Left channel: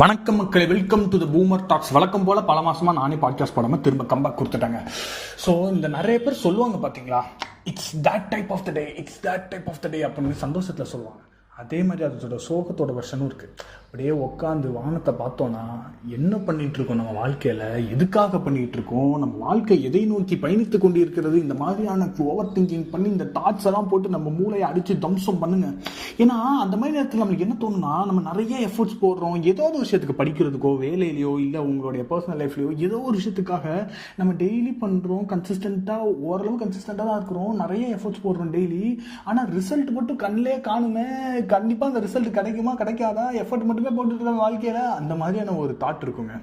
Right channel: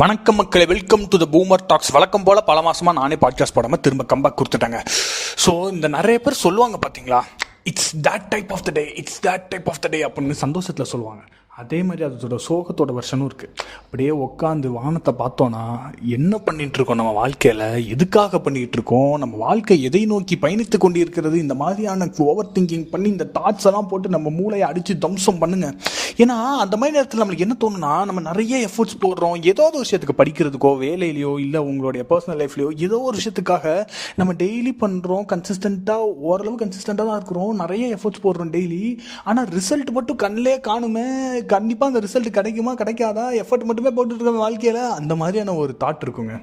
வணக்கம் மக்களே, welcome to the boomer tax. வழக்கம் போல் பல மாதமாக நானே பாட்காஸ்ட் போடாமல் திரும்ப கம்பேக் கொடுத்துட்டேங்க. ஸோ இந்த நிறைய பேர் சொல்லுவாங்க பார்த்தீங்களா, it's that type of the day, it's that type of the day அப்படின்னு சந்தோஷத்தில் சொல்லுவாங்க. அதே மாதிரி அதோட சோகத்தோட வருஷனும் இருக்குது. அப்படியே உட்காந்து வானத்தை பார்த்தோன்னா என்ன பண்ணிகிட்ருக்கோம், நம்ம வாழ்க்கையில் எதுக்காக பண்ணிகிட்ருக்கோம், நம்ம வாழ்க்கை எதை நோக்கி பயணித்து கொண்டு இருக்கிறது, இந்த மாதிரியான ஓவர் திங்கிங் பண்ணி இந்த தாட்ஸ் எல்லாம் போட்டு நம்ம மூளையை அடித்து தம்சம் பண்ணுங்க. ஏன்னா அந்த மாதிரி நேரத்தில் நம்மளுக்கு என்ன தோணுன்னா, நம்ம நிறைய எஃபர்ட்ஸ் போடுறோம் ஏதோ ஒரு விஷயத்துக்கு, படிக்கிறதுக்கோ வேலையிலையோ இல்லை உங்களுடைய பர்சனல் லைஃப்லையோ ஏதோ ஒரு விஷயத்துக்காக நம்ம டெய்லி பண்ணுறோம். கன்சிஸ்டண்ட்டாக ஓரளவு கன்சிஸ்டண்ட்டாக தான் இருக்கிறோம், நிறைய எஃபர்ட்ஸ் போடுறோம் டெய்லி. ஆனால் ரிசல்ட் மட்டும் கண்ணிலே காணுமே, கண்டிப்பாக அந்த ரிசல்ட் கிடைக்குமா கிடைக்காதா, எஃபர்ட் மட்டுமே போட்டுருக்கோம் வாழ்க்கையில், அந்த மாதிரியான ஒரு தாட் இருக்குங்க.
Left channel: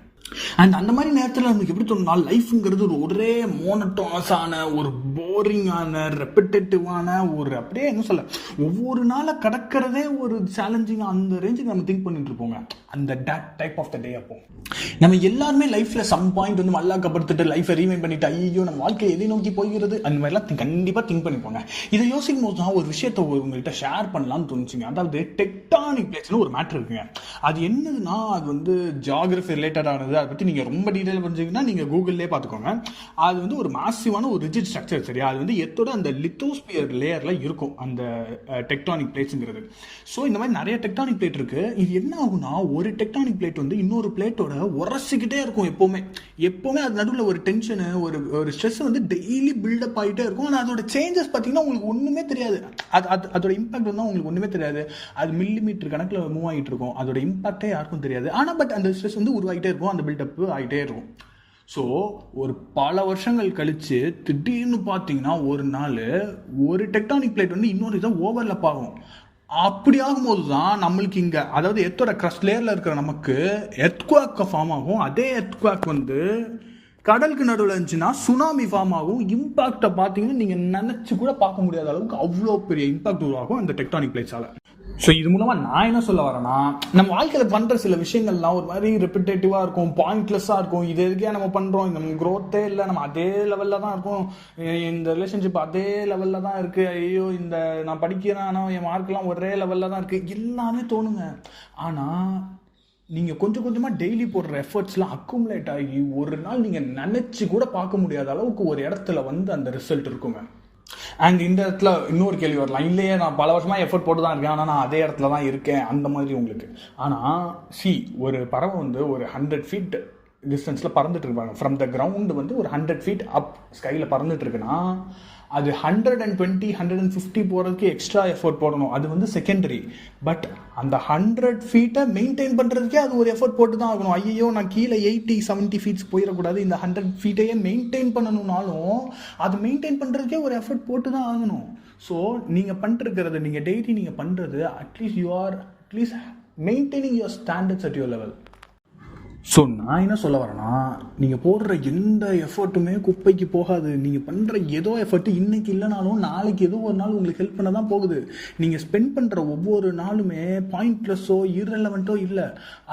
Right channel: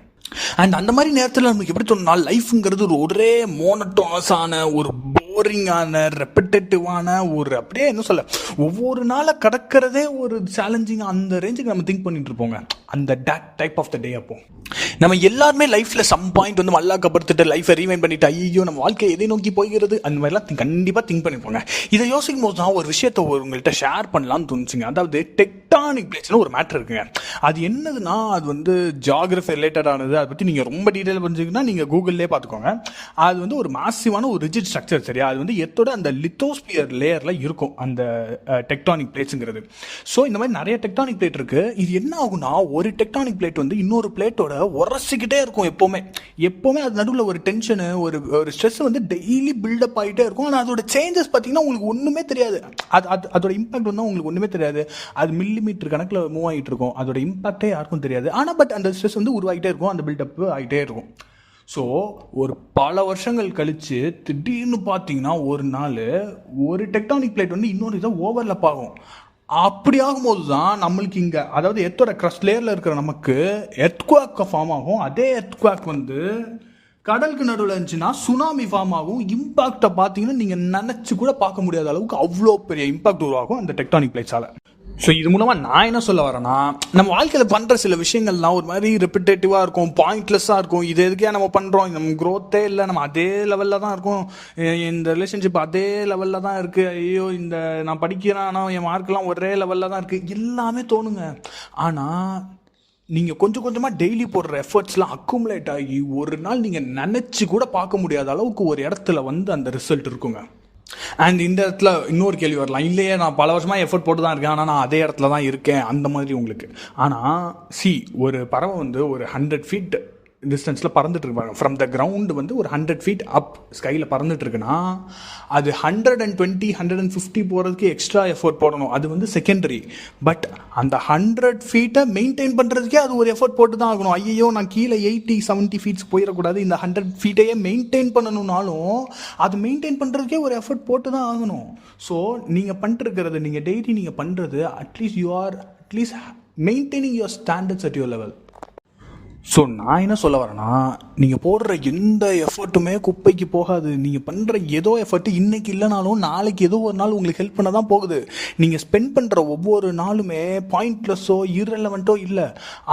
அண்ட் அந்த மாதிரி நேரத்தில் நமக்கு எப்படி தோணுனா, லைஃப்ங்கிறது ஒரே மோனோட்டோனஸான, ஒரு போரிங்கான, ரெப்பிட்டேட்டிவான, ஒரு அப்படியே என்ன சொல்ல, ஒவ்வொரு நாளை கடக்கிறதே ஒரு சேலஞ்சிங், அந்த ரேஞ்சுக்கு நம்ம திங்க் பண்ணிட்டு இருப்போங்க. அந்த டேட் டைப் ஆஃப் த டே. அப்போ நம்ம எல்லாருமே லைஃப்பில் சம் பாயிண்ட் வந்து மல்லாக்கப்படுத்திட்டு லைஃப்பை ரீவைண்ட் பண்ணிட்டு ஐயோ நம்ம வாழ்க்கை எதை நோக்கி போகிறது அந்த மாதிரிலாம் கண்டிப்பாக திங்க் பண்ணிப்போங்க. இதை யோசிக்கும் போது தான் ஒரு விஷயத்தை உங்கள்கிட்ட ஷேர் பண்ணலாம்னு தோணுச்சுங்க. அதாவது டெக்டானிக் பிளேட்ஸ்னு ஒரு மேட்டர் இருக்குங்க. அது என்னதுன்னா, அது வந்து ஜியாகிரஃபி ரிலேட்டடானது. அதை பற்றி நீங்கள் ரொம்ப டீட்டெயில் புரிஞ்சிங்கன்னா நீங்கள் கூகுள்லேயே பார்த்துக்கோங்க. அது வந்து ஒரு மாசிவான ஒரு ரிஜிட் ஸ்ட்ரக்சர், சரியா? அது வந்து எத்தோட அந்த லித்தோஸ்பியர் லேயரில் இருக்கும் அந்த டெக்டானிக் பிளேட்ஸுங்கிறது. ஸோ இந்த மாதிரி நிறைய டெக்டானிக் பிளேட் இருக்குது. இது என்ன ஆகுனா, ஒரு டெக்டானிக் பிளேட் வந்து இன்னொரு பிளேட்டோட உரசிக்கிட்டே இருக்கும். எப்போவுமே அது நடுவில் ஒரு டென்ஷனு, ஒரு ஸ்ட்ரெஸ் வந்து டெய்லி பில்டப் ஆகிட்டே இருக்கும். ஆனால் அதோட சேஞ்சஸ் பார்த்தீங்கன்னா உங்களுக்கு ஒன்றுமே தெரியாது. அதோட இம்பாக்ட் வந்து உங்களுக்கு ஒன்றுமே தெரியாது. அது மில்லிமீட்டர் கணக்கில் மூவ் ஆகிட்டு இருக்கும். அதோட இம்பாக்டே யாருக்கும் தெரியாது. ஆனால் பட் அந்த ஸ்ட்ரெஸ் வந்து உருவாகிட்டே இருக்கும், அந்த பில்டப் ஆகிட்டே இருக்கும். ஸோ ஒரு பல வருஷங்கள் கழித்து திடீர்னு பார்த்தீங்கன்னா ஒரு நாள் ஒரு டெக்டானிக் பிளேட் வந்து இன்னொரு இதை ஓவர்லப் ஆகும். அப்படி ஆகும்போது தான் நம்மளுக்கு இங்கே, அதாவது எர்த்தோட க்ரஸ்ட் லேயரில் இருக்கிற நமக்கு எர்த்குவாக் ஃபார்ம் ஆகும். அதே எர்த்குவாக் வந்து கடலுக்கு நடுவில் இருந்துச்சுன்னா சுனாமி ஃபார்ம் ஆகும். இம்பாக்டை பார்த்தீங்கன்னா நீங்கள் நினச்சி கூட பார்க்க முடியாத அளவுக்கு அவ்வளோ பெரிய இம்பாக்ட் உருவாகும் அந்த டெக்டானிக் பிளேட்ஸால். ஸோ இது மூலமாக நான் என்ன சொல்ல வரேன்னா, நம்ம வாழ்க்கையில் பண்ணுற சில விஷயங்கள்லாம் ஒரு மாதிரி ரெப்பிட்டேட்டிவாக இருக்கும், பாயிண்ட்லெஸ்ஸாக இருக்கும். இது எதுக்கே நம்ம பண்ணுறோம், நம்ம க்ரோத்தே இல்லை, நம்ம அதே லெவலில் தான் இருக்கும், இந்த ரிலேஷன்ஷிப் அதே லெவலில் தான் இருக்குது, ஐயோ இந்த நான் படிக்கிறேன் ஆனால் என் மார்க்கெலாம் ஒரே லெவலில் தான் இருக்குது, எல்லாமே தோணுங்க. ஆனால் நீங்கள் கொஞ்சம் கொஞ்சமாக டெய்லி போடுற எஃபர்ட்ஸ்லாம் அக்குமுலேட் ஆகி ஒரு நாள் நீங்கள் நினச்சி கூட பார்க்க முடியாத அளவுக்கு ஒரு இடத்துல வந்து அந்த ரிசல்ட் இருக்குங்க. அண்ட் இந்த இடத்துல இன்னொரு கேள்வி வரலாம், இல்லையே நான் பல வருஷமாக எஃபர்ட் போட்டு தான் இருக்கேன் ஆனால் நான் அதே இடத்துல தான் இருக்கேன் அந்த மாதிரி உங்களுக்கு. ஆனால் ஒரு பறவை வந்து ஒரு 100 feet டிஸ்டன்ஸில் பறந்துட்டு இருப்பாங்க. ஃப்ரம் த கிரவுண்டு வந்து ஒரு 100 feet அப் ஸ்கையில் பறந்துட்டு இருக்குன்னா அது 120 150 போகிறதுக்கு எக்ஸ்ட்ரா எஃபர்ட் போடணும். அது வந்து செகண்டரி. பட் அந்த 100 feet மெயின்டைன் பண்ணுறதுக்கே அது ஒரு எஃபர்ட் போட்டு தான் ஆகணும். ஐயோ நான் கீழே 80-70 feet போயிடக்கூடாது, இந்த 100 feet மெயின்டைன் பண்ணணும்னாலும் அது மெயின்டைன் பண்ணுறதுக்கே ஒரு எஃபர்ட் போட்டு தான் ஆகணும். ஸோ நீங்கள் பண்ணிருக்கிறது, நீங்கள் டெய்லி நீங்கள் பண்ணுறது, at least you are maintaining your standards at your level. So நான் என்ன சொல்ல வரேன்னா, நீங்கள் போடுற எந்த எஃபர்ட்டுமே குப்பைக்கு போகாது. நீங்கள் பண்ணுற ஏதோ எஃபர்ட்டு இன்றைக்கி இல்லைனாலும் நாளைக்கு ஏதோ ஒரு நாள் உங்களுக்கு ஹெல்ப் பண்ண தான் போகுது. நீங்கள் ஸ்பெண்ட் பண்ணுற ஒவ்வொரு நாளுமே பாயிண்ட்லெஸ்ஸோ இர்ரெலவெண்ட்டோ இல்லை,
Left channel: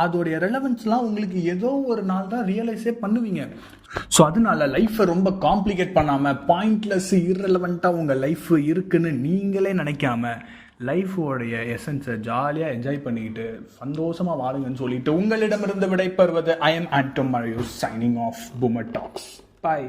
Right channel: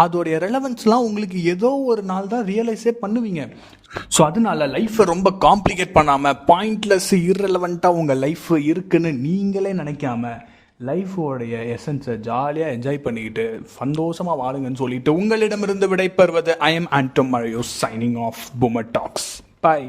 அதோடைய ரெலவென்ஸ்லாம் உங்களுக்கு ஏதோ ஒரு நாள் தான் ரியலைஸே பண்ணுவீங்க. ஸோ அதனால லைஃப்பை ரொம்ப காம்ப்ளிகேட் பண்ணாமல், பாயிண்ட்லெஸ் இர்ரெலவெண்ட்டாக உங்கள் லைஃப் இருக்குன்னு நீங்களே நினைக்காம லைஃபோடைய எசன்ஸை ஜாலியாக என்ஜாய் பண்ணிக்கிட்டு சந்தோஷமாக வாழுங்கன்னு சொல்லிட்டு உங்களிடமிருந்து விடைபெறுவது ஐ எம் ஆண்டம் மரியூஸ், signing off boomer talks. By.